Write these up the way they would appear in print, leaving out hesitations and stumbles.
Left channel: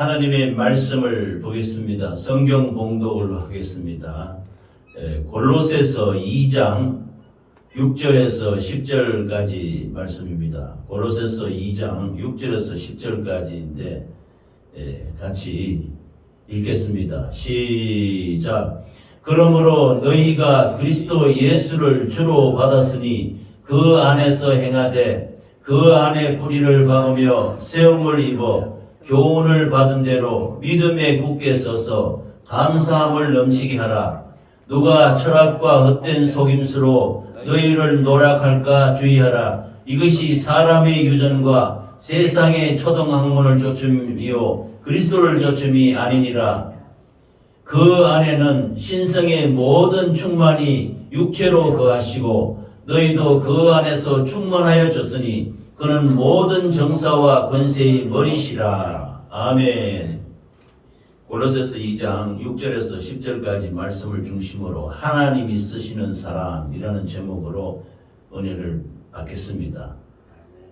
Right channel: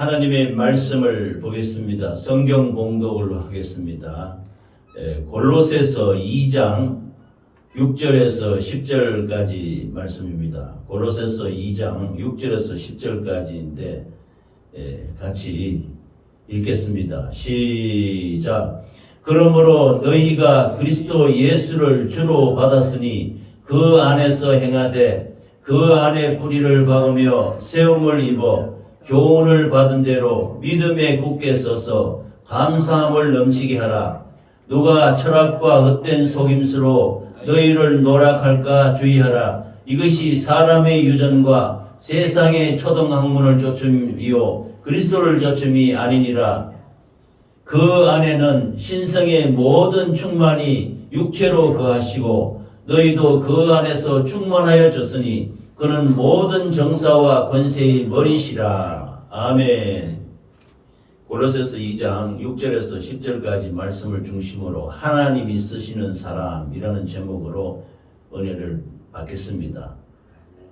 하나님의 말씀을 보겠습니다. 성경 봉독을 하겠습니다. 골로새서 2장 6절에서 10절까지 말씀입니다. 골로새서 2장 6절에서 10절까지인데 같이 읽겠습니다. 시작. 그러므로 너희가 그리스도 예수를 주로 받았으니 그 안에서 행하되 그 안에 뿌리를 박으며 세움을 입어 교훈을 받은 대로 믿음에 굳게 서서 감사함을 넘치게 하라. 누가 철학과 헛된 속임수로 너희를 노략할까 주의하라. 이것이 사람의 유전과 세상의 초등학문을 조춤이요 그리스도를 조춤이 아니니라. 그 안에는 신성의 모든 충만이 육체로 거하시고 너희도 그 안에서 충만하여졌으니 그는 모든 정사와 권세의 머리시라. 아멘. 골로새서 2장 6절에서 10절까지 말씀을 중심으로 하나님이 쓰시는 사람이라는 제목으로 은혜를 받겠습니다.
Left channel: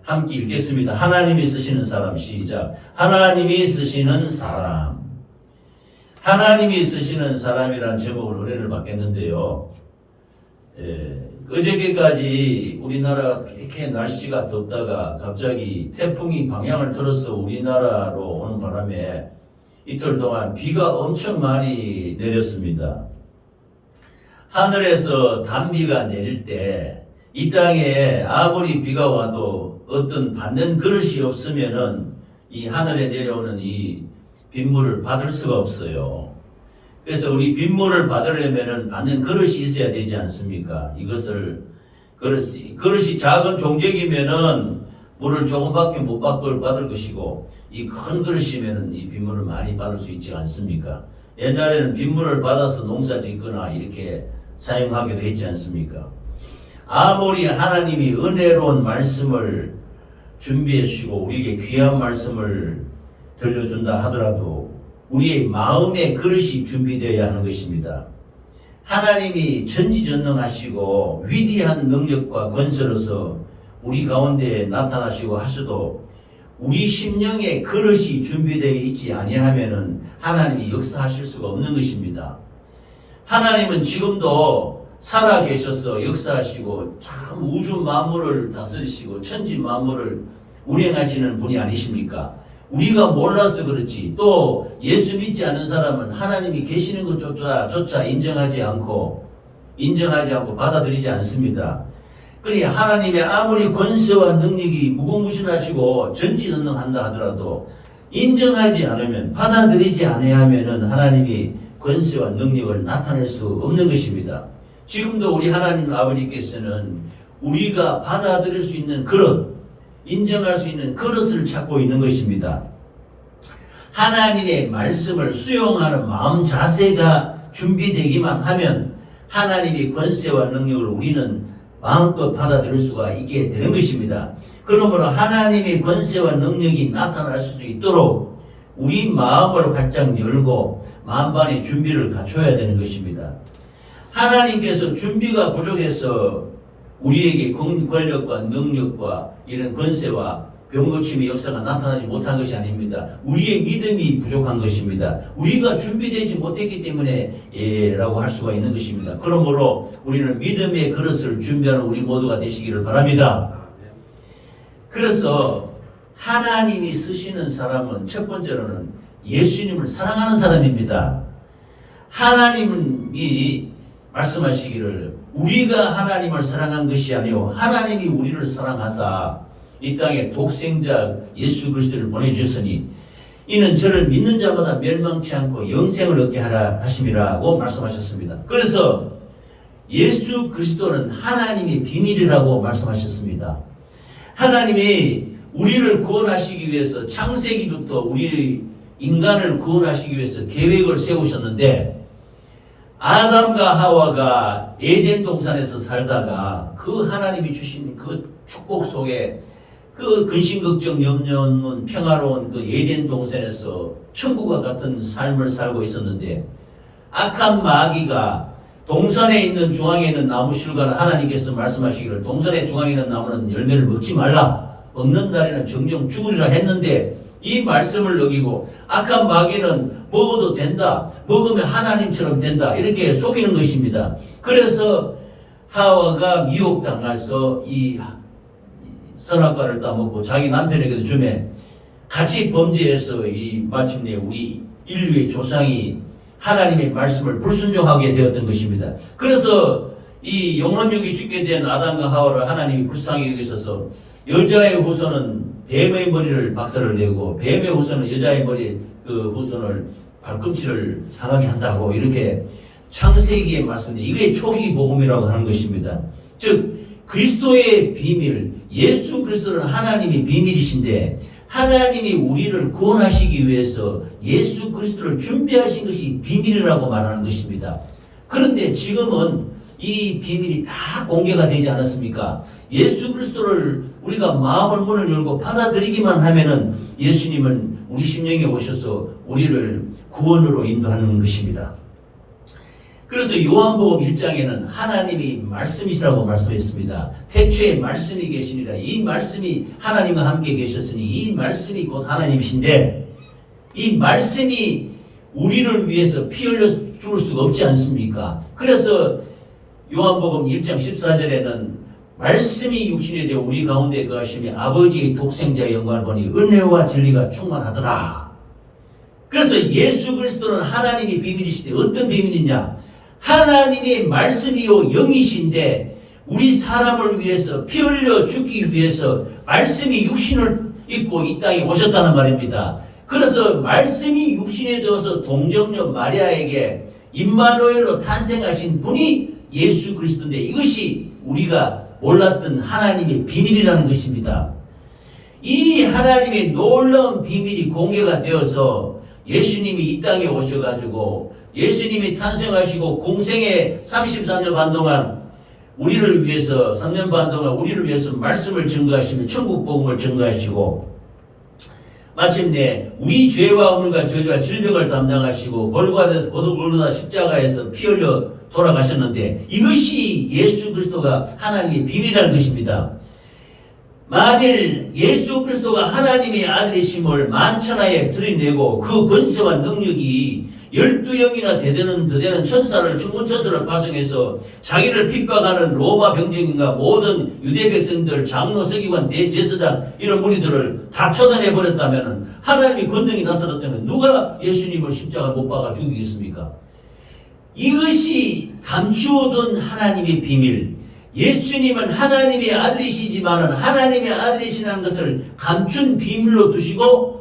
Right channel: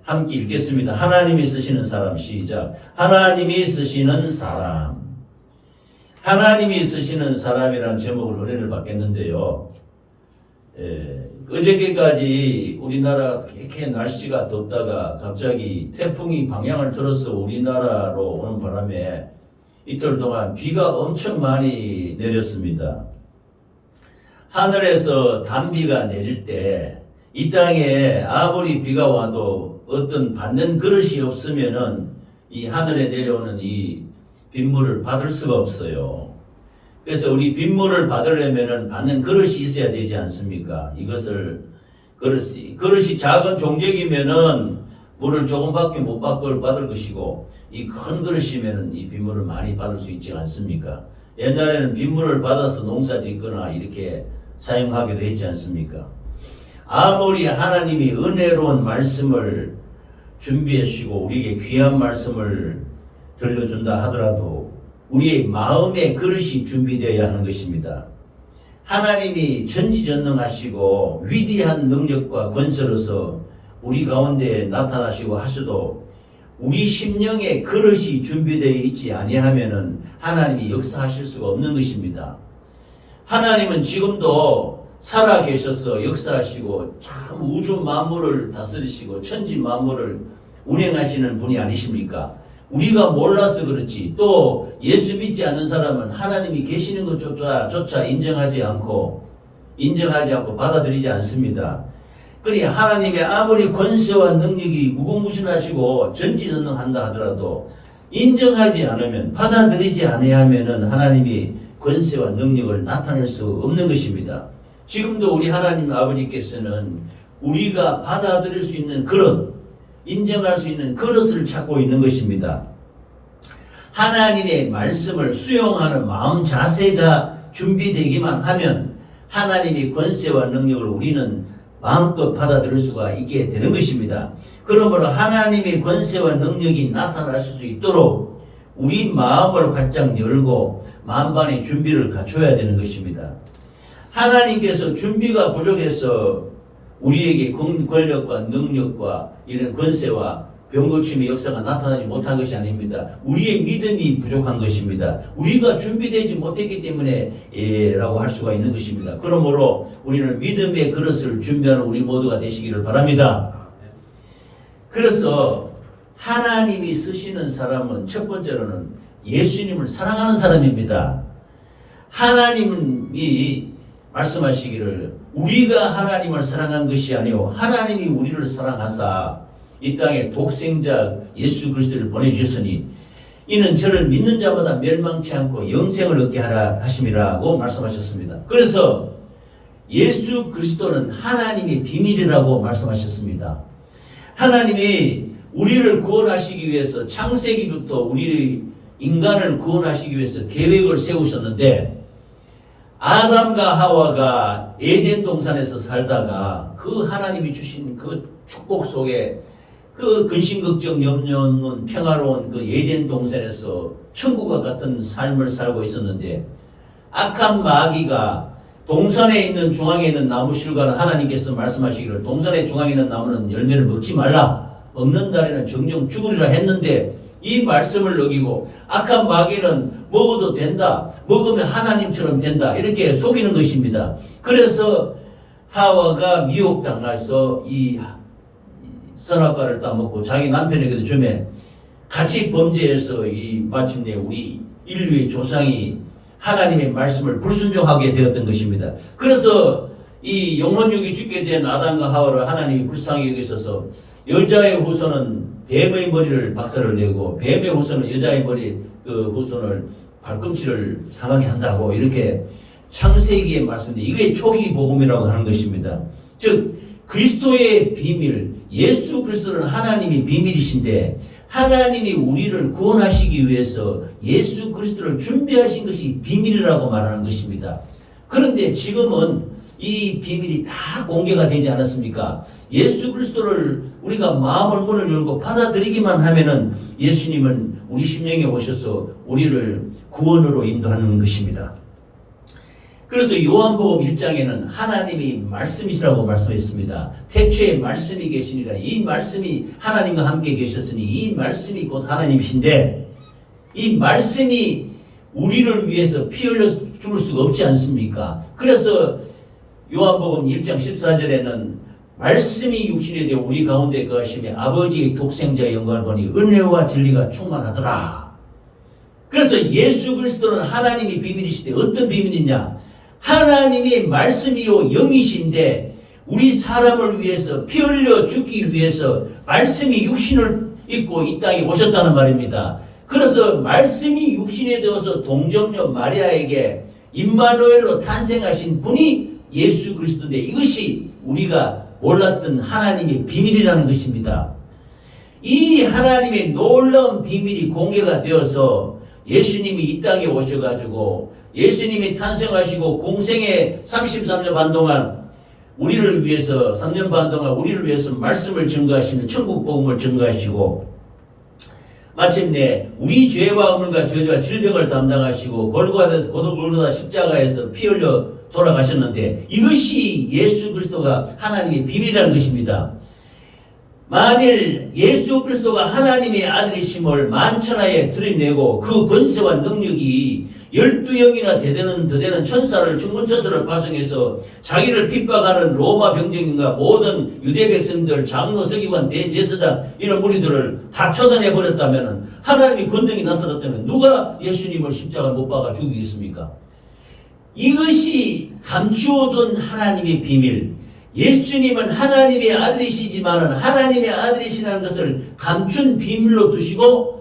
함께 읽겠습니다. 하나님이 쓰시는 사람. 시작. 하나님이 쓰시는 사람. 하나님이 쓰시는 사람이라는 제목으로 은혜를 받겠는데요. 어저께까지 우리나라가 이렇게 날씨가 덥다가 갑자기 태풍이 방향을 틀어서 우리나라로 오는 바람에 이틀 동안 비가 엄청 많이 내렸습니다. 하늘에서 단비가 내릴 때 이 땅에 아무리 비가 와도 어떤 받는 그릇이 없으면은 이 하늘에 내려오는 이 빗물을 받을 수가 없어요. 그래서 우리 빗물을 받으려면은 받는 그릇이 있어야 되지 않습니까? 이것을 그릇이 작은 종적이면은 물을 조금밖에 못 받을 것이고 이 큰 그릇이면은 이 빗물을 많이 받을 수 있지 않습니까? 옛날에는 빗물을 받아서 농사 짓거나 이렇게 사용하기도 했지 않습니까? 아무리 하나님이 은혜로운 말씀을 준비해 주시고 우리에게 귀한 말씀을 들려준다 하더라도 우리의 마음의 그릇이 준비되어야 하는 것입니다. 하나님이 전지전능하시고 위대한 능력과 권세로서 우리 가운데 나타나시고 하셔도 우리 심령의 그릇이 준비되어 있지 아니하면은 하나님이 역사하실 수가 없는 것입니다. 하나님은 지금도 살아 계셔서 역사하시고 참 우주 만물을 다스리시고 천지 만물을 운행하시는 분이 아니십니까? 우리가 몰라서 그렇지 또 예수 믿지 않는 사람은 하나님이 계시는 것조차 인정하지 않고 받아들이지 않습니다. 그러니 하나님의 아무리 권세와 능력이 무궁무진하시고 전지전능한다 하더라도 인정하지 않으면 받아들이지 아니하면은 하나님이 권세와 능력을 나타낼 수 없는 것입니다. 지금도 우리 하나님 아버지께서는 우리가 받아들일 수 있는 그릇, 인정할 수 있는 그릇을 찾고 있는 것입니다. 하나님의 말씀을 수용하는 마음 자세가 준비되기만 하면 하나님의 권세와 능력을 우리는 마음껏 받아들일 수가 있게 되는 것입니다. 그러므로 하나님의 권세와 능력이 나타날 수 있도록 우리 마음을 활짝 열고 만반의 준비를 갖춰야 되는 것입니다. 하나님께서 준비가 부족해서 우리에게 권력과 능력과 이런 권세와 병고침의 역사가 나타나지 못한 것이 아닙니다. 우리의 믿음이 부족한 것입니다. 우리가 준비되지 못했기 때문에 라고 할 수가 있는 것입니다. 그러므로 우리는 믿음의 그릇을 준비하는 우리 모두가 되시기를 바랍니다. 그래서 하나님이 쓰시는 사람은 첫 번째로는 예수님을 사랑하는 사람입니다. 하나님이 말씀하시기를 우리가 하나님을 사랑한 것이 아니오 하나님이 우리를 사랑하사 이 땅에 독생자 예수 그리스도를 보내주셨으니 이는 저를 믿는 자보다 멸망치 않고 영생을 얻게 하라 하심이라고 말씀하셨습니다. 그래서 예수 그리스도는 하나님의 비밀이라고 말씀하셨습니다. 하나님이 우리를 구원하시기 위해서 창세기부터 우리 인간을 구원하시기 위해서 계획을 세우셨는데 아담과 하와가 에덴 동산에서 살다가 그 하나님이 주신 그 축복 속에 그 근심걱정 염려 없는 평화로운 그 에덴 동산에서 천국과 같은 삶을 살고 있었는데 악한 마귀가 동산에 있는 중앙에 있는 나무 실과를 하나님께서 말씀하시기를 동산의 중앙에 있는 나무는 열매를 먹지 말라 먹는 날에는 정령 죽으리라 했는데 이 말씀을 어기고 악한 마귀는 먹어도 된다, 먹으면 하나님처럼 된다, 이렇게 속이는 것입니다. 그래서 하와가 미혹당해서 이 선악과를 따먹고 자기 남편에게도 주매 같이 범죄해서 이 마침내 우리 인류의 조상이 하나님의 말씀을 불순종하게 되었던 것입니다. 그래서 이 영혼육이 죽게 된 아담과 하와를 하나님이 불쌍히 여기셔서 여자의 후손은 뱀의 머리를 박살을 내고 뱀의 후손은 여자의 머리 그 후손을 발꿈치를 상하게 한다고 이렇게 창세기에 말씀인데 이게 초기 복음이라고 하는 것입니다. 즉 그리스도의 비밀, 예수 그리스도는 하나님의 비밀이신데 하나님이 우리를 구원하시기 위해서 예수 그리스도를 준비하신 것이 비밀이라고 말하는 것입니다. 그런데 지금은 이 비밀이 다 공개가 되지 않았습니까? 예수 그리스도를 우리가 마음을 문을 열고 받아들이기만 하면은 예수님은 우리 심령에 오셔서 우리를 구원으로 인도하는 것입니다. 그래서 요한복음 1장에는 하나님이 말씀이시라고 말씀했습니다. 태초에 말씀이 계시니라. 이 말씀이 하나님과 함께 계셨으니 이 말씀이 곧 하나님이신데 이 말씀이 우리를 위해서 피 흘려 죽을 수가 없지 않습니까? 그래서 요한복음 1장 14절에는 말씀이 육신이 되어 우리 가운데 거하시며 아버지의 독생자의 영광을 보니 은혜와 진리가 충만하더라. 그래서 예수 그리스도는 하나님의 비밀이시되 어떤 비밀이냐? 하나님의 말씀이요 영이신데 우리 사람을 위해서 피 흘려 죽기 위해서 말씀이 육신을 입고 이 땅에 오셨다는 말입니다. 그래서 말씀이 육신에 되어서 동정녀 마리아에게 임마누엘로 탄생하신 분이 예수 그리스도인데 이것이 우리가 몰랐던 하나님의 비밀이라는 것입니다. 이 하나님의 놀라운 비밀이 공개가 되어서 예수님이 이 땅에 오셔가지고 예수님이 탄생하시고 공생에 33년 반 동안 우리를 위해서 3년 반 동안 우리를 위해서 말씀을 증거하시는 천국 복음을 증거하시고 마침내 우리 죄와 허물과 저주와 질병을 담당하시고 골고다 십자가에서 피 흘려 돌아가셨는데 이것이 예수 그리스도가 하나님의 비밀이라는 것입니다. 만일 예수 그리스도가 하나님의 아들이심을 만천하에 드러내고 그 권세와 능력이 12영이나 되는 천사를 천군천사를 파송해서 자기를 핍박하는 로마 병정인과 모든 유대 백성들 장로 서기관 대제사장 이런 무리들을 다 처단해 버렸다면 하나님의 권능이 나타났다면 누가 예수님을 십자가 못 박아 죽이겠습니까? 이것이 감추어둔 하나님의 비밀, 예수님은 하나님의 아들이시지만 하나님의 아들이시라는 것을 감춘 비밀로 두시고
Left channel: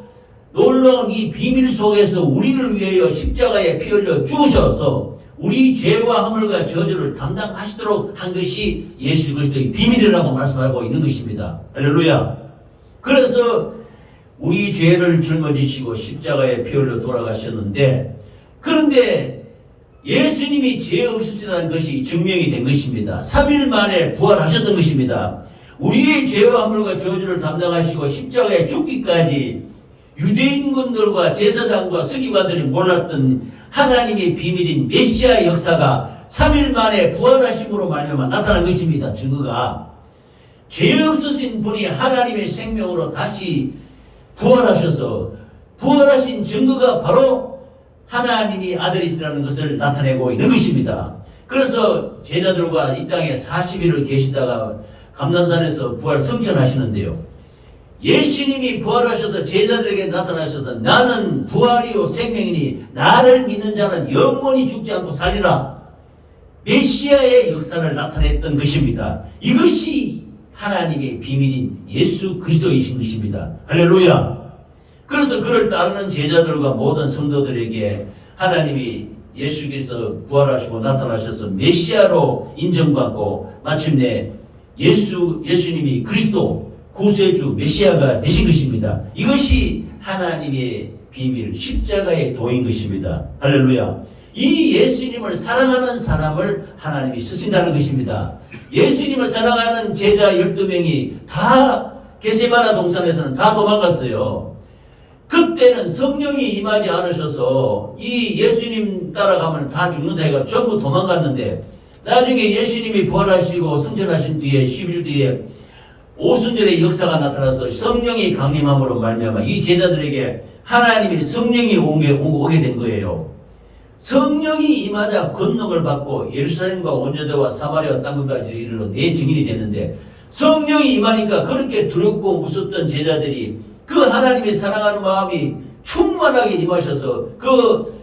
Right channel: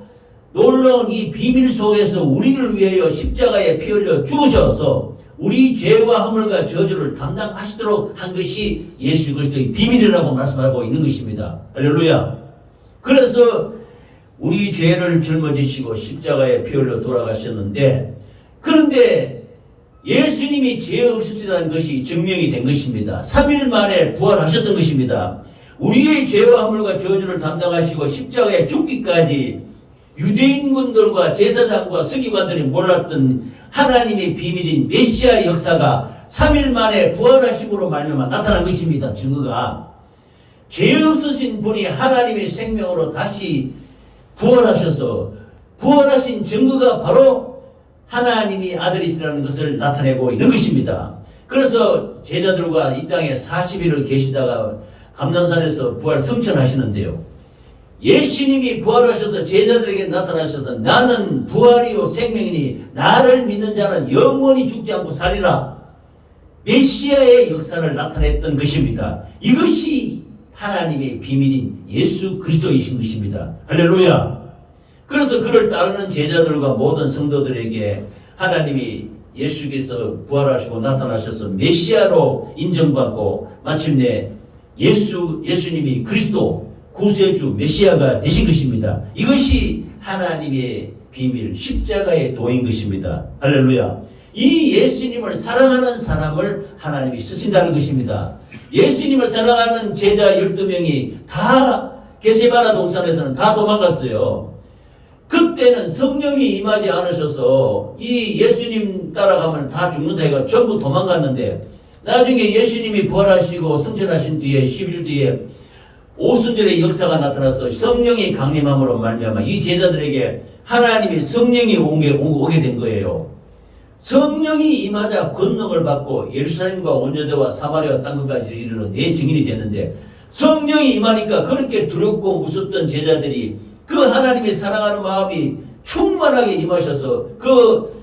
놀라운 이 비밀 속에서 우리를 위하여 십자가에 피 흘려 죽으셔서 우리 죄와 허물과 저주를 담당하시도록 한 것이 예수 그리스도의 비밀이라고 말씀하고 있는 것입니다. 할렐루야. 그래서 우리 죄를 짊어지시고 십자가에 피 흘려 돌아가셨는데 그런데 예수님이 죄 없으시다는 것이 증명이 된 것입니다. 3일 만에 부활하셨던 것입니다. 우리의 죄와 허물과 저주를 담당하시고 십자가에 죽기까지 유대인군들과 제사장과 서기관들이 몰랐던 하나님의 비밀인 메시아의 역사가 3일 만에 부활하심으로 말미암아 나타난 것입니다. 증거가 죄 없으신 분이 하나님의 생명으로 다시 부활하셔서 부활하신 증거가 바로 하나님이 아들이시라는 것을 나타내고 있는 것입니다. 그래서 제자들과 이 땅에 40일을 계시다가 감람산에서 부활 성천하시는데요. 예수님이 부활하셔서 제자들에게 나타나셔서 나는 부활이요 생명이니 나를 믿는 자는 영원히 죽지 않고 살리라. 메시아의 역사를 나타냈던 것입니다. 이것이 하나님의 비밀인 예수 그리스도이신 것입니다. 할렐루야. 그래서 그를 따르는 제자들과 모든 성도들에게 하나님이 예수께서 부활하시고 나타나셔서 메시아로 인정받고 마침내 예수님이 그리스도 구세주 메시아가 되신 것입니다. 이것이 하나님의 비밀 십자가의 도인 것입니다. 할렐루야. 이 예수님을 사랑하는 사람을 하나님이 쓰신다는 것입니다. 예수님을 사랑하는 제자 12명이 다 게세마나 동산에서는 다 도망갔어요. 그때는 성령이 임하지 않으셔서 이 예수님 따라가면 다 죽는다 해가 전부 도망갔는데 나중에 예수님이 부활하시고 승천하신 뒤에 10일 뒤에 오순절의 역사가 나타나서 성령이 강림함으로 말미암아 이 제자들에게 하나님이 성령이 오게 된 거예요. 성령이 임하자 권능을 받고 예루살렘과 온 유대와 사마리아 땅끝까지 이르러 내 증인이 됐는데, 성령이 임하니까 그렇게 두렵고 무섭던 제자들이 그 하나님이 사랑하는 마음이 충만하게 임하셔서 그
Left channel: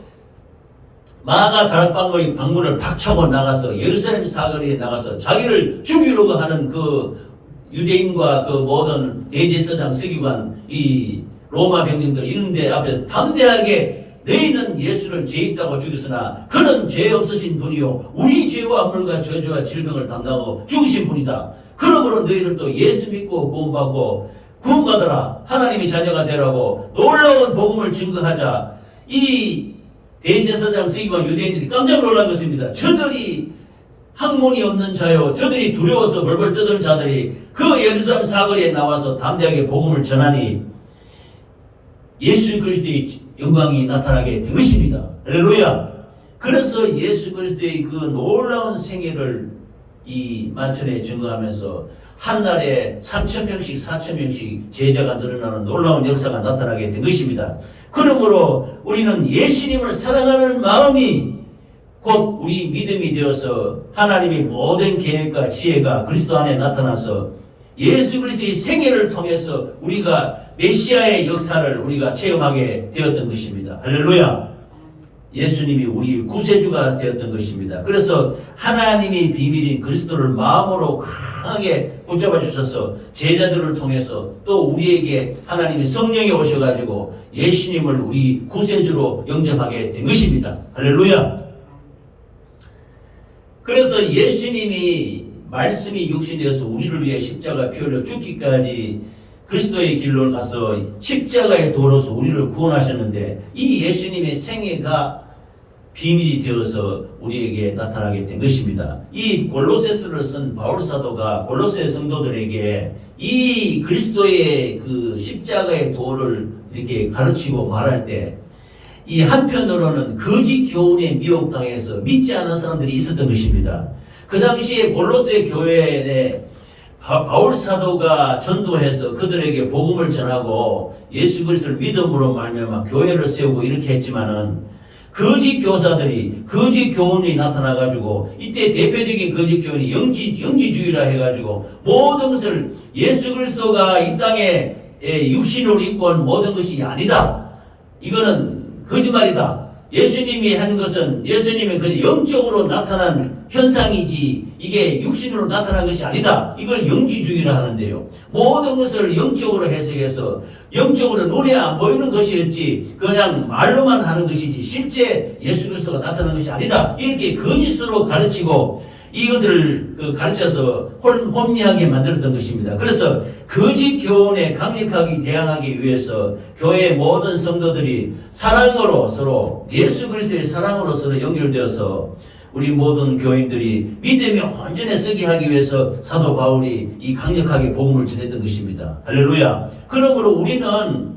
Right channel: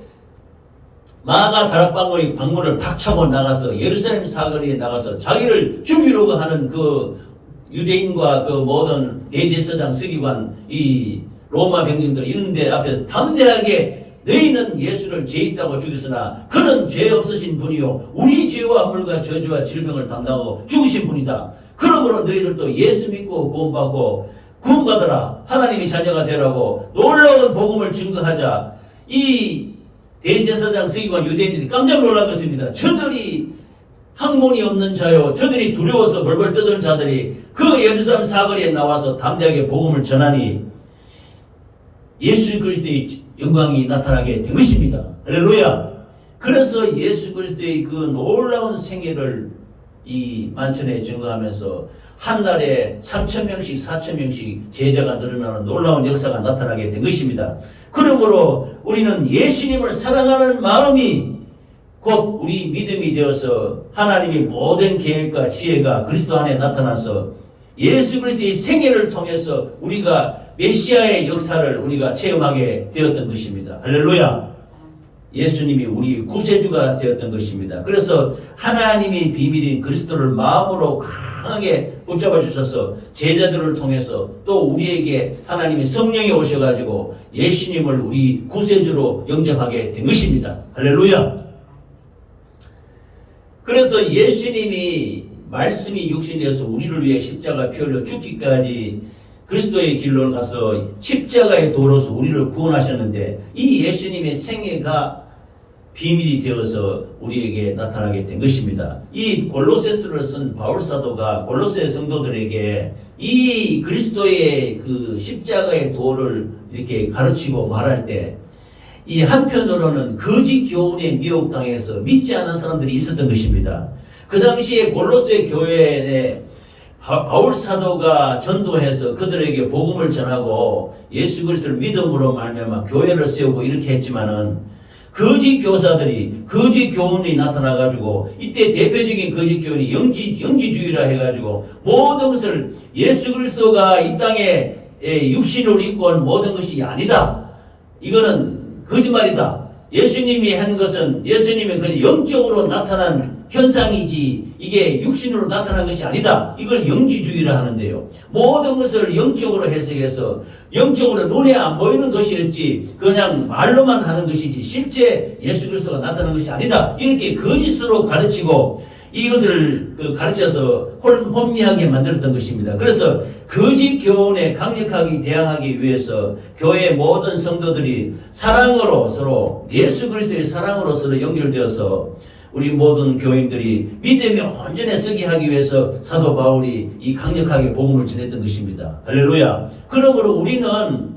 마가 다락방의 방문을 박차고 나가서 예루살렘 사거리에 나가서 자기를 죽이려고 하는 그 유대인과 그 모든 대제사장 서기관 이 로마 병정들 이런 데 앞에서 담대하게 너희는 예수를 죄 있다고 죽였으나 그는 죄 없으신 분이요 우리 죄와 물과 저주와 질병을 담당하고 죽으신 분이다. 그러므로 너희들도 예수 믿고 구원받아라. 하나님의 자녀가 되라고 놀라운 복음을 증거하자. 이 대제사장 서기관 유대인들이 깜짝 놀란 것입니다. 저들이 학문이 없는 자요, 저들이 두려워서 벌벌 떠드는 자들이 그 예루살렘 사거리에 나와서 담대하게 복음을 전하니 예수 그리스도의 영광이 나타나게 된 것입니다. 할렐루야. 그래서 예수 그리스도의 그 놀라운 생애를 이 만천에 증거하면서 한 달에 3,000명씩 4,000명씩 제자가 늘어나는 놀라운 역사가 나타나게 된 것입니다. 그러므로 우리는 예수님을 사랑하는 마음이 곧 우리 믿음이 되어서 하나님의 모든 계획과 지혜가 그리스도 안에 나타나서 예수 그리스도의 생애를 통해서 우리가 메시아의 역사를 우리가 체험하게 되었던 것입니다. 할렐루야. 예수님이 우리 구세주가 되었던 것입니다. 그래서 하나님의 비밀인 그리스도를 마음으로 강하게 붙잡아 주셔서 제자들을 통해서 또 우리에게 하나님이 성령이 오셔가지고 예수님을 우리 구세주로 영접하게 된 것입니다. 할렐루야. 그래서 예수님이 말씀이 육신되어서 우리를 위해 십자가 피 흘려 죽기까지 그리스도의 길로 가서 십자가의 도로서 우리를 구원하셨는데 이 예수님의 생애가 비밀이 되어서 우리에게 나타나게 된 것입니다. 이 골로새서를 쓴 바울 사도가 골로새 성도들에게 이 그리스도의 그 십자가의 도를 이렇게 가르치고 말할 때 이 한편으로는 거짓 교훈에 미혹당해서 믿지 않은 사람들이 있었던 것입니다. 그 당시에 골로새 교회에 바울 사도가 전도해서 그들에게 복음을 전하고 예수 그리스도를 믿음으로 말미암아 교회를 세우고 이렇게 했지만은 거짓 교사들이 거짓 교훈이 나타나가지고 이때 대표적인 거짓 교훈이 영지주의라 해가지고 모든 것을 예수 그리스도가 이 땅에 육신으로 입고 온 모든 것이 아니다. 이거는 거짓말이다. 예수님이 하는 것은 예수님이 그 영적으로 나타난 현상이지 이게 육신으로 나타난 것이 아니다. 이걸 영지주의라 하는데요. 모든 것을 영적으로 해석해서 영적으로 눈에 안 보이는 것이었지 그냥 말로만 하는 것이지 실제 예수 그리스도가 나타난 것이 아니다. 이렇게 거짓으로 가르치고 이것을 가르쳐서 혼미하게 만들었던 것입니다. 그래서 거짓 교훈에 강력하게 대항하기 위해서 교회 모든 성도들이 사랑으로 서로 예수 그리스도의 사랑으로 서로 연결되어서 우리 모든 교인들이 믿음에 온전히 서게 하기 위해서 사도 바울이 이 강력하게 복음을 전했던 것입니다. 할렐루야. 그러므로 우리는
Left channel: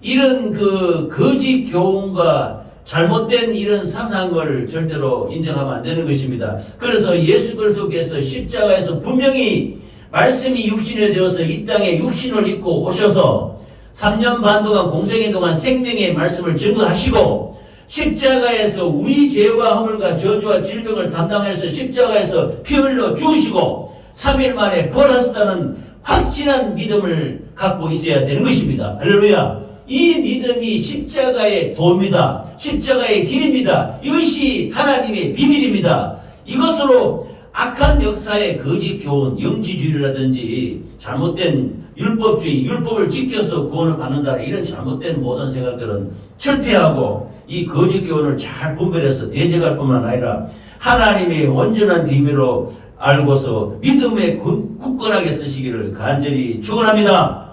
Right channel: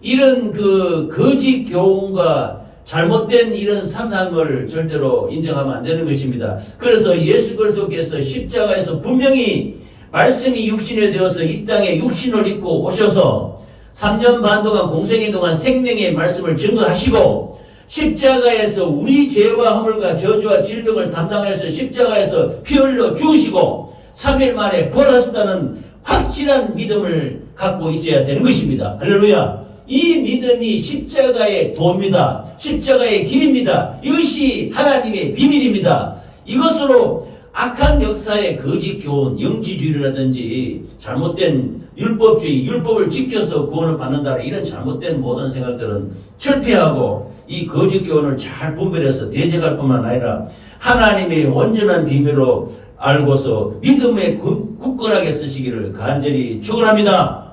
이런 그 거짓 교훈과 잘못된 이런 사상을 절대로 인정하면 안 되는 것입니다. 그래서 예수 그리스도께서 십자가에서 분명히 말씀이 육신이 되어서 이 땅에 육신을 입고 오셔서 3년 반 동안 공생애 동안 생명의 말씀을 증거하시고 십자가에서 우리 죄와 허물과 저주와 질병을 담당해서 십자가에서 피 흘려 죽으시고 3일 만에 부활하셨다는 확실한 믿음을 갖고 있어야 되는 것입니다. 할렐루야. 이 믿음이 십자가의 도입니다. 십자가의 길입니다. 이것이 하나님의 비밀입니다. 이것으로 악한 역사의 거짓 교훈, 영지주의라든지 잘못된 율법주의, 율법을 지켜서 구원을 받는다 이런 잘못된 모든 생각들은 철폐하고 이 거짓 교훈을 잘 분별해서 대적할 뿐만 아니라 하나님의 온전한 비밀로 알고서 믿음에 굳건하게 쓰시기를 간절히 축원합니다.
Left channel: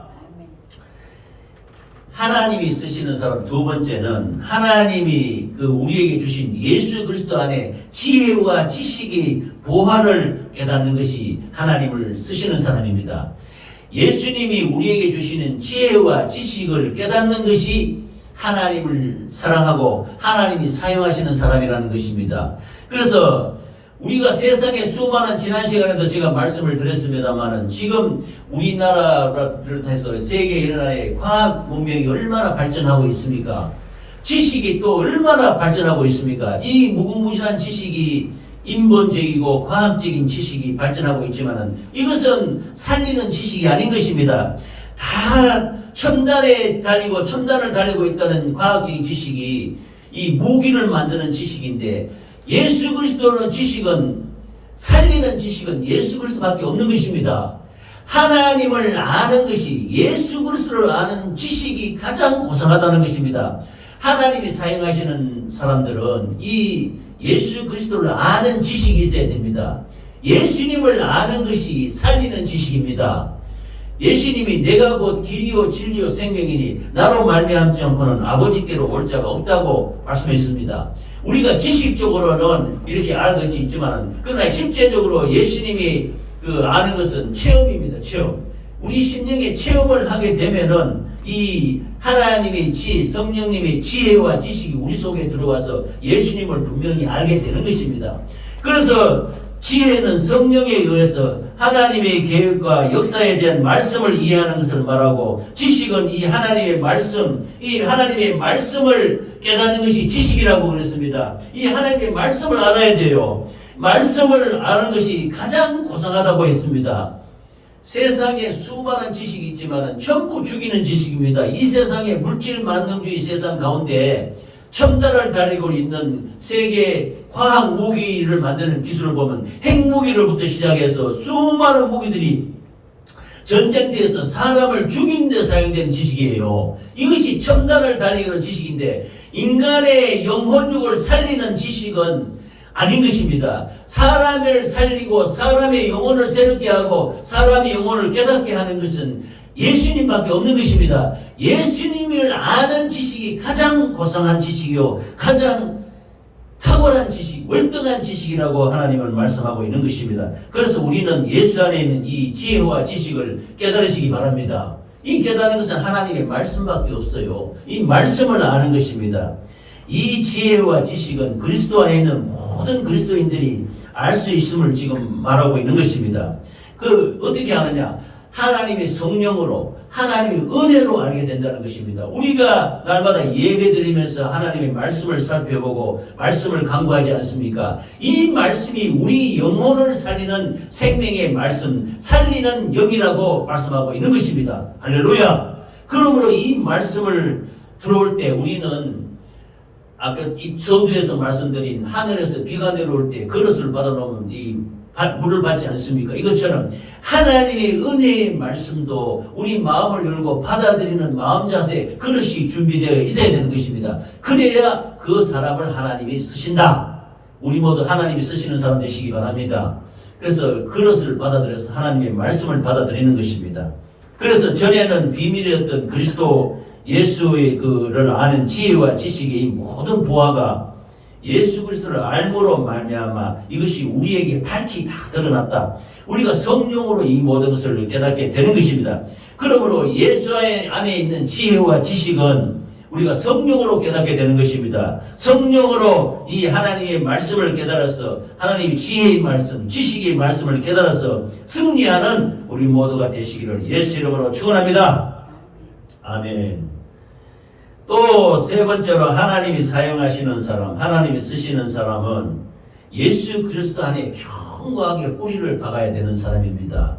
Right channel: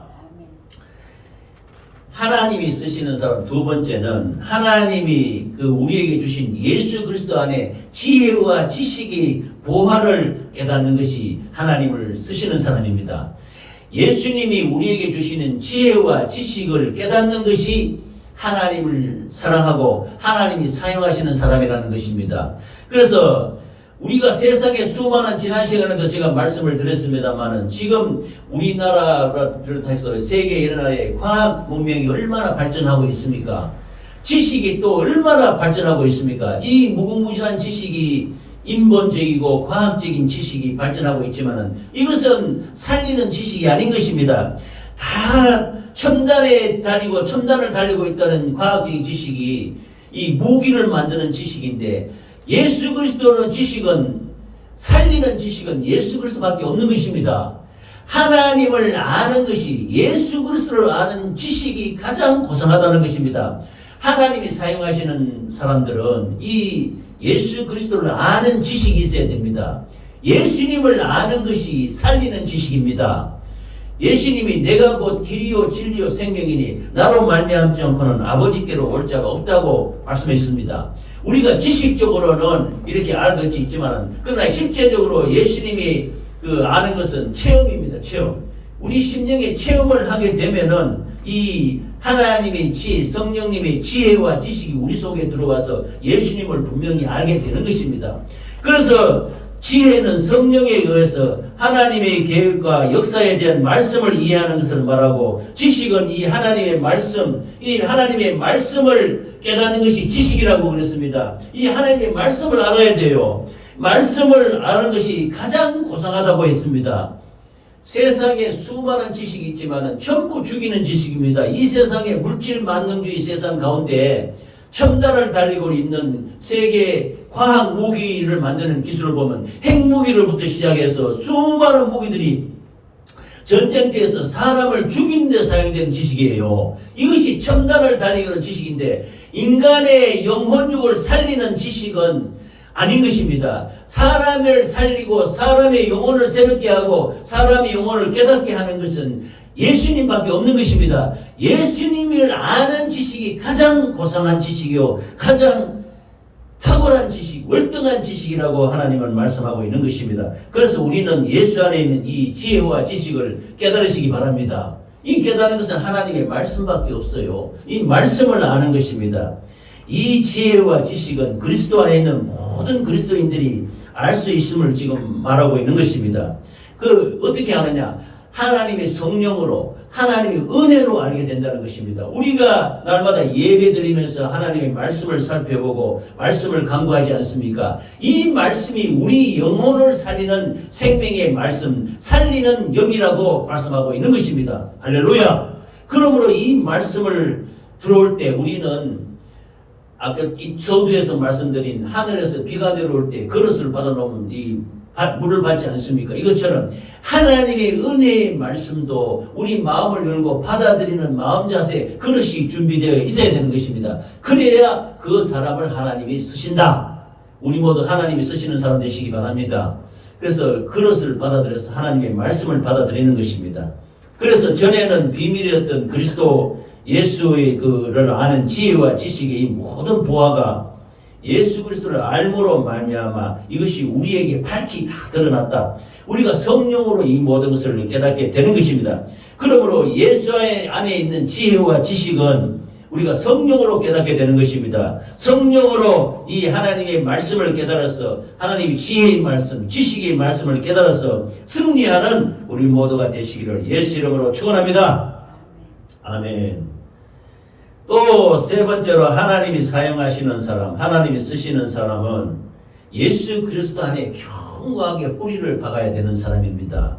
하나님이 쓰시는 사람 두 번째는 하나님이 우리에게 주신 예수 그리스도 안에 지혜와 지식의 보화를 깨닫는 것이 하나님을 쓰시는 사람입니다. 예수님이 우리에게 주시는 지혜와 지식을 깨닫는 것이 하나님을 사랑하고 하나님이 사용하시는 사람이라는 것입니다. 그래서 우리가 세상에 수많은 지난 시간에도 제가 말씀을 드렸습니다만은 지금 우리나라를 비롯해서 세계 여러 나라의 과학 문명이 얼마나 발전하고 있습니까? 지식이 또 얼마나 발전하고 있습니까? 이 무궁무진한 지식이 인본적이고 과학적인 지식이 발전하고 있지만은 이것은 살리는 지식이 아닌 것입니다. 다 첨단에 달리고 첨단을 달리고 있다는 과학적인 지식이 이 무기를 만드는 지식인데, 예수 그리스도는 지식은, 살리는 지식은 예수 그리스도밖에 없는 것입니다. 하나님을 아는 것이, 예수 그리스도를 아는 지식이 가장 고상하다는 것입니다. 하나님이 사용하시는 사람들은 이 예수 그리스도를 아는 지식이 있어야 됩니다. 예수님을 아는 것이 살리는 지식입니다. 예수님이 내가 곧 길이요 진리요 생명이니 나로 말미암지 않고는 아버지께로 올 자가 없다고 말씀했습니다. 우리가 지식적으로는 이렇게 알아듣지 있지만, 그러나 실제적으로 예수님이 아는 것은 체험입니다. 체험. 우리 심령의 체험을 하게 되면은 이 하나님의 지혜, 성령님의 지혜와 지식이 우리 속에 들어와서 예수님을 분명히 알게 되는 것입니다. 그래서 지혜는 성령에 의해서 하나님의 계획과 역사에 대한 말씀을 이해하는 것을 말하고, 지식은 이 하나님의 말씀, 이 하나님의 말씀을 깨닫는 것이 지식이라고 그랬습니다. 이 하나님의 말씀을 알아야 돼요. 말씀을 아는 것이 가장 고상하다고 했습니다. 세상에 수많은 지식이 있지만 전부 죽이는 지식입니다. 이 세상의 물질 만능주의 세상 가운데 첨단을 달리고 있는 세계 과학 무기를 만드는 기술을 보면 핵무기로부터 시작해서 수많은 무기들이 전쟁터에서 사람을 죽이는 데 사용된 지식이에요. 이것이 첨단을 달리는 지식인데, 인간의 영혼육을 살리는 지식은 아닌 것입니다. 사람을 살리고 사람의 영혼을 새롭게 하고 사람의 영혼을 깨닫게 하는 것은 예수님밖에 없는 것입니다. 예수님을 아는 지식이 가장 고상한 지식이요, 가장 탁월한 지식, 월등한 지식이라고 하나님은 말씀하고 있는 것입니다. 그래서 우리는 예수 안에 있는 이 지혜와 지식을 깨달으시기 바랍니다. 이 깨달은 것은 하나님의 말씀밖에 없어요. 이 말씀을 아는 것입니다. 이 지혜와 지식은 그리스도 안에 있는 모든 그리스도인들이 알 수 있음을 지금 말하고 있는 것입니다. 어떻게 아느냐? 하나님의 성령으로, 하나님의 은혜로 알게 된다는 것입니다. 우리가 날마다 예배 드리면서 하나님의 말씀을 살펴보고 말씀을 강구하지 않습니까? 이 말씀이 우리 영혼을 살리는 생명의 말씀, 살리는 영이라고 말씀하고 있는 것입니다. 할렐루야! 그러므로 이 말씀을 들어올 때 우리는 아까 이 서두에서 말씀드린 하늘에서 비가 내려올 때 그릇을 받아놓으면 이 물을 받지 않습니까? 이것처럼 하나님의 은혜의 말씀도 우리 마음을 열고 받아들이는 마음 자세, 그릇이 준비되어 있어야 되는 것입니다. 그래야 그 사람을 하나님이 쓰신다. 우리 모두 하나님이 쓰시는 사람 되시기 바랍니다. 그래서 그릇을 받아들여서 하나님의 말씀을 받아들이는 것입니다. 그래서 전에는 비밀이었던 그리스도 예수의 그를 아는 지혜와 지식의 이 모든 보화가 예수 그리스도를 알므로 말미암아 이것이 우리에게 밝히 다 드러났다. 우리가 성령으로 이 모든 것을 깨닫게 되는 것입니다. 그러므로 예수 안에 있는 지혜와 지식은 우리가 성령으로 깨닫게 되는 것입니다. 성령으로 이 하나님의 말씀을 깨달아서 하나님의 지혜의 말씀, 지식의 말씀을 깨달아서 승리하는 우리 모두가 되시기를 예수 이름으로 축원합니다. 아멘. 또 세 번째로 하나님이 사용하시는 사람, 하나님이 쓰시는 사람은 예수 그리스도 안에 견고하게 뿌리를 박아야 되는 사람입니다.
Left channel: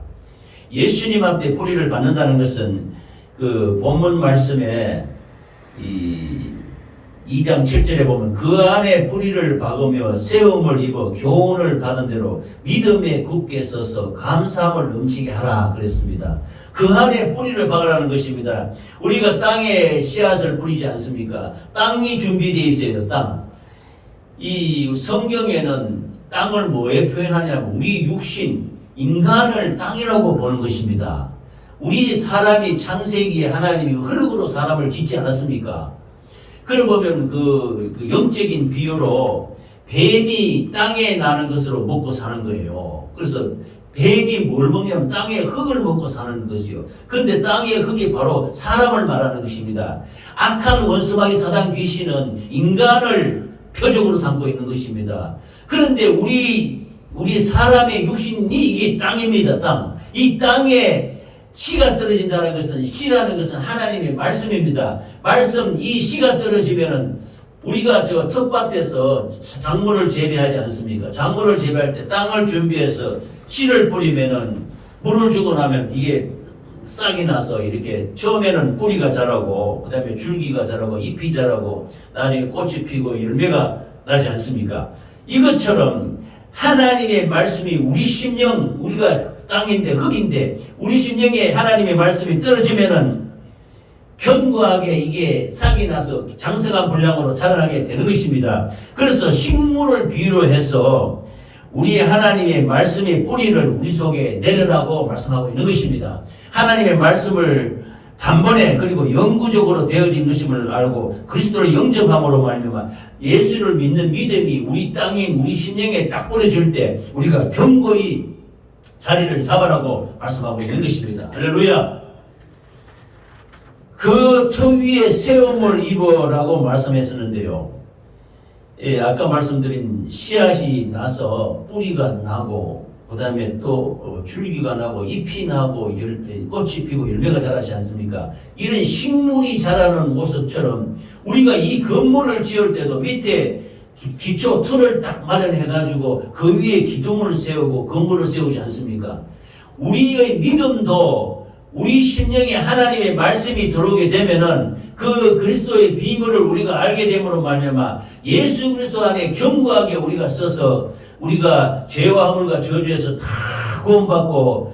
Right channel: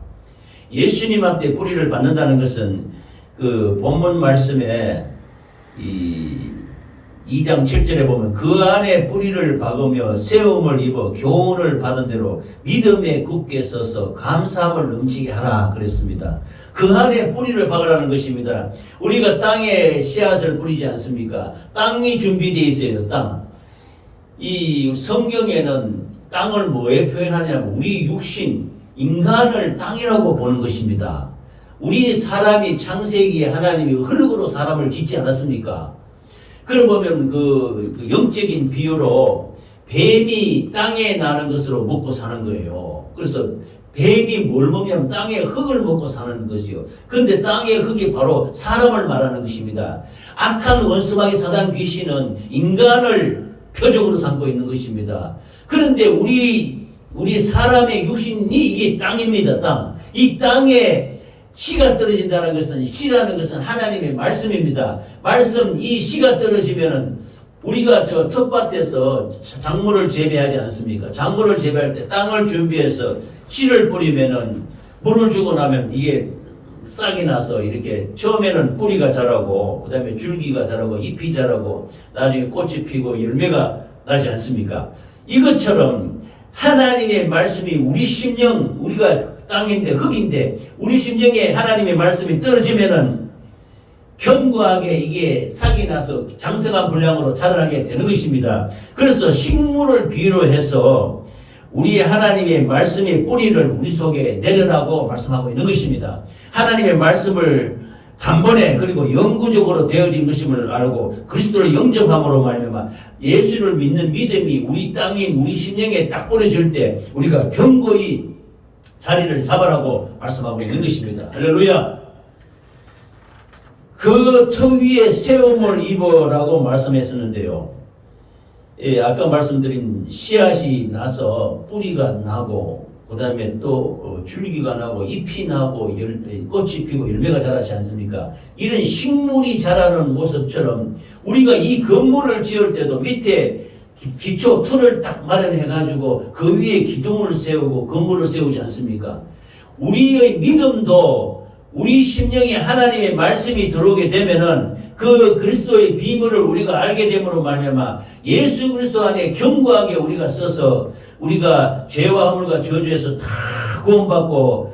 예수님한테 뿌리를 받는다는 것은 그 본문 말씀에 2장 7절에 보면 그 안에 뿌리를 박으며 세움을 입어 교훈을 받은 대로 믿음에 굳게 서서 감사함을 넘치게 하라 그랬습니다. 그 안에 뿌리를 박으라는 것입니다. 우리가 땅에 씨앗을 뿌리지 않습니까? 땅이 준비되어 있어요. 땅. 이 성경에는 땅을 뭐에 표현하냐면 우리 육신, 인간을 땅이라고 보는 것입니다. 우리 사람이 창세기에 하나님이 흙으로 사람을 짓지 않았습니까? 그러면 그 영적인 비유로 뱀이 땅에 나는 것으로 먹고 사는 거예요. 그래서 뱀이 뭘 먹냐면 땅의 흙을 먹고 사는 것이요. 그런데 땅의 흙이 바로 사람을 말하는 것입니다. 악한 원수마귀 사단 귀신은 인간을 표적으로 삼고 있는 것입니다. 그런데 우리 우리 사람의 육신이 이게 땅입니다. 땅. 이 땅에 씨가 떨어진다는 것은, 씨라는 것은 하나님의 말씀입니다. 말씀, 이 씨가 떨어지면은 우리가 저 텃밭에서 작물을 재배하지 않습니까? 작물을 재배할 때 땅을 준비해서 씨를 뿌리면은 물을 주고 나면 이게 싹이 나서 이렇게 처음에는 뿌리가 자라고 그 다음에 줄기가 자라고 잎이 자라고 나중에 꽃이 피고 열매가 나지 않습니까? 이것처럼 하나님의 말씀이 우리 심령, 우리가 땅인데 흙인데 우리 심령에 하나님의 말씀이 떨어지면은 견고하게 이게 싹이 나서 장성한 분량으로 자라나게 되는 것입니다. 그래서 식물을 비유로 해서 우리 하나님의 말씀의 뿌리를 우리 속에 내려라고 말씀하고 있는 것입니다. 하나님의 말씀을 단번에 그리고 영구적으로 되어진 것임을 알고 그리스도를 영접함으로 말미암아 예수를 믿는 믿음이 우리 땅인 우리 심령에 딱 뿌려질 때 우리가 견고히 자리를 잡아라고 말씀하고 있는 것입니다. 할렐루야. 그 터 위에 세움을 입어라고 말씀했었는데요. 예, 아까 말씀드린 씨앗이 나서 뿌리가 나고 그 다음에 또 줄기가 나고 잎이 나고 꽃이 피고 열매가 자라지 않습니까? 이런 식물이 자라는 모습처럼 우리가 이 건물을 지을 때도 밑에 기초 틀을 딱 마련해가지고 그 위에 기둥을 세우고 건물을 세우지 않습니까? 우리의 믿음도 우리 심령에 하나님의 말씀이 들어오게 되면은 그 그리스도의 비밀을 우리가 알게 됨으로 말미암아 예수 그리스도 안에 견고하게 우리가 서서 우리가 죄와 허물과 저주에서 다 구원받고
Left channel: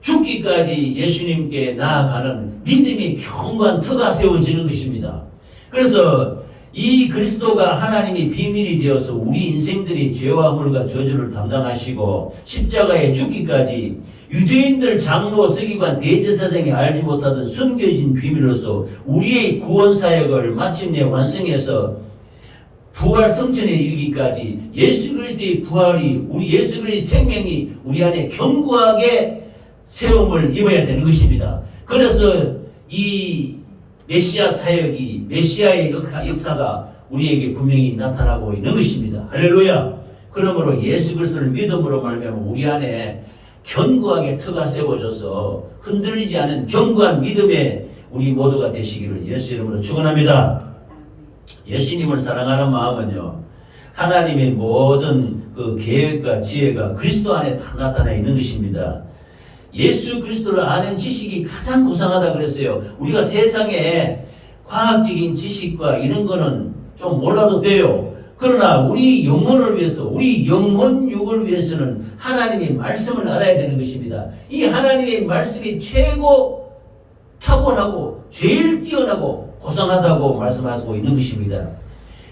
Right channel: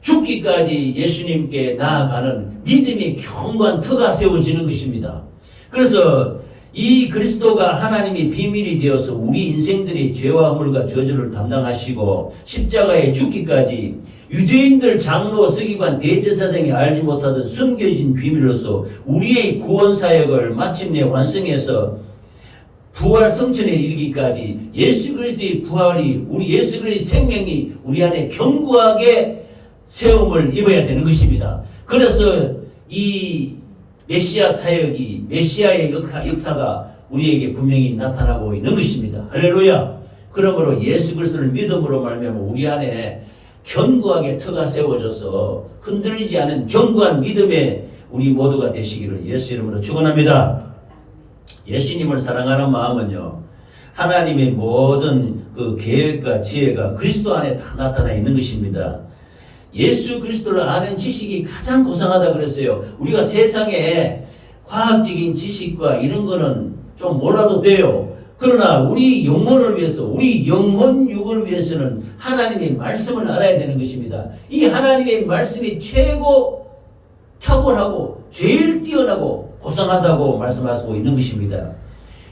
죽기까지 예수님께 나아가는 믿음이 견고한 터가 세워지는 것입니다. 그래서 이 그리스도가 하나님이 비밀이 되어서 우리 인생들이 죄와 허물과 저주를 담당하시고 십자가에 죽기까지 유대인들 장로 서기관 대제사장이 알지 못하던 숨겨진 비밀로서 우리의 구원 사역을 마침내 완성해서 부활 성천에 이르기까지 예수 그리스도의 부활이 우리 예수 그리스도의 생명이 우리 안에 견고하게 세움을 입어야 되는 것입니다. 그래서 이 메시아 사역이 메시아의 역사가 우리에게 분명히 나타나고 있는 것입니다. 할렐루야. 그러므로 예수 그리스도를 믿음으로 말미암아 우리 안에 견고하게 터가 세워져서 흔들리지 않은 견고한 믿음의 우리 모두가 되시기를 예수 이름으로 축원합니다. 예수님을 사랑하는 마음은요, 하나님의 모든 그 계획과 지혜가 그리스도 안에 다 나타나 있는 것입니다. 예수 그리스도를 아는 지식이 가장 고상하다 그랬어요. 우리가 세상에 과학적인 지식과 이런 거는 좀 몰라도 돼요. 그러나 우리 영혼을 위해서, 우리 영혼육을 위해서는 하나님의 말씀을 알아야 되는 것입니다. 이 하나님의 말씀이 최고 탁월하고 제일 뛰어나고 고상하다고 말씀하고 있는 것입니다.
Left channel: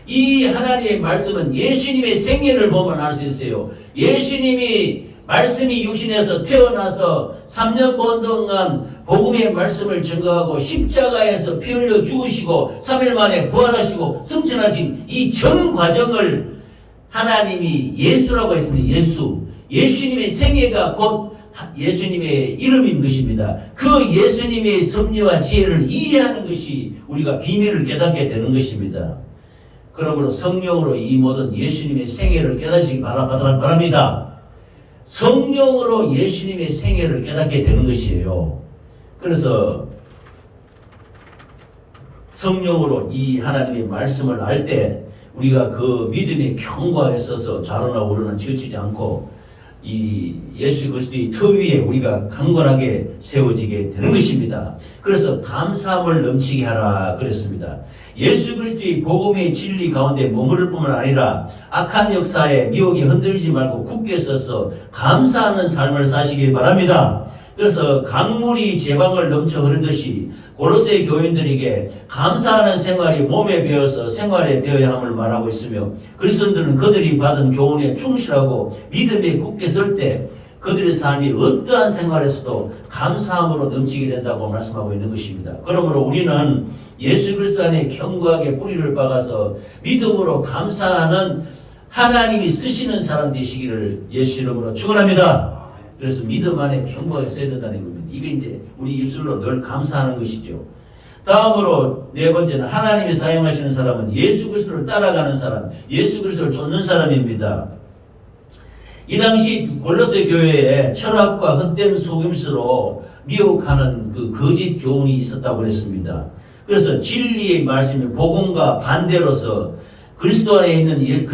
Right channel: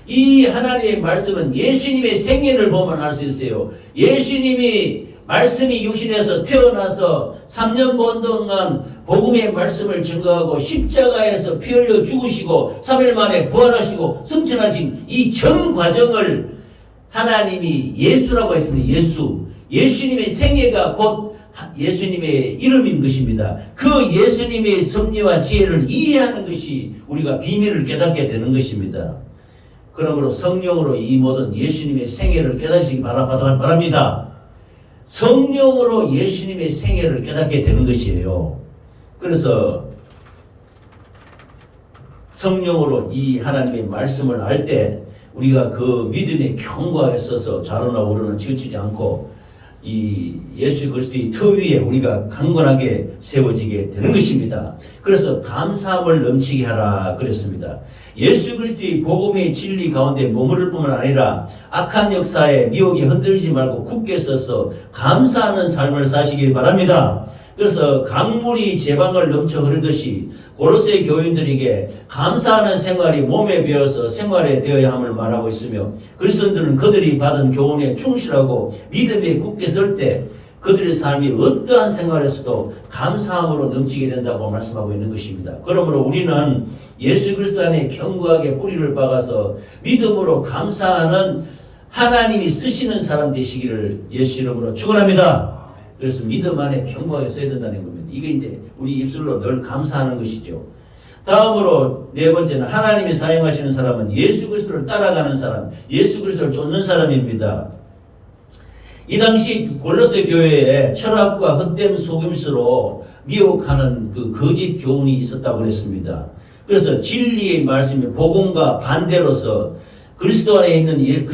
이 하나님의 말씀은 예수님의 생애를 보면 알 수 있어요. 예수님이 말씀이 육신에서 태어나서 3년 반 동안 복음의 말씀을 증거하고 십자가에서 피 흘려 죽으시고 3일 만에 부활하시고 승천하신 이 전 과정을 하나님이 예수라고 했습니다. 예수님의 생애가 곧 예수님의 이름인 것입니다. 그 예수님의 섭리와 지혜를 이해하는 것이 우리가 비밀을 깨닫게 되는 것입니다. 그러므로 성령으로 이 모든 예수님의 생애를 깨닫시기 바랍니다. 성령으로 예수님의 생애를 깨닫게 되는 것이에요. 그래서 성령으로 이 하나님의 말씀을 알 때 우리가 그 믿음의 견고하게 서서 좌로나 우로나 치우치지 않고 이 예수 그리스도의 터 위에 우리가 강건하게 세워지게 되는 것입니다. 그래서 감사함을 넘치게 하라 그랬습니다. 예수 그리스도의 복음의 진리 가운데 머무를 뿐만 아니라 악한 역사에 미혹에 흔들리지 말고 굳게 서서 감사하는 삶을 사시길 바랍니다. 그래서 강물이 제방을 넘쳐 흐르듯이 고로새 교인들에게 감사하는 생활이 몸에 배어서 생활에 되어야 함을 말하고 있으며 그리스도인들은 그들이 받은 교훈에 충실하고 믿음에 굳게 설 때 그들의 삶이 어떠한 생활에서도 감사함으로 넘치게 된다고 말씀하고 있는 것입니다. 그러므로 우리는 예수 그리스도 안에 견고하게 뿌리를 박아서 믿음으로 감사하는 하나님이 쓰시는 사람 되시기를 예수 이름으로 축원합니다. 그래서 믿음 안에 견고하게 써야 된다는 겁니다. 이게 이제 우리 입술로 늘 감사하는 것이죠. 다음으로 네 번째는 하나님이 사용하시는 사람은 예수 그리스도를 따라가는 사람, 예수 그리스도를 쫓는 사람입니다. 이 당시 골로새 교회에 철학과 헛된 속임수로 미혹하는 그 거짓 교훈이 있었다고 그랬습니다. 그래서 진리의 말씀이 복음과 반대로서 그리스도 안에 있는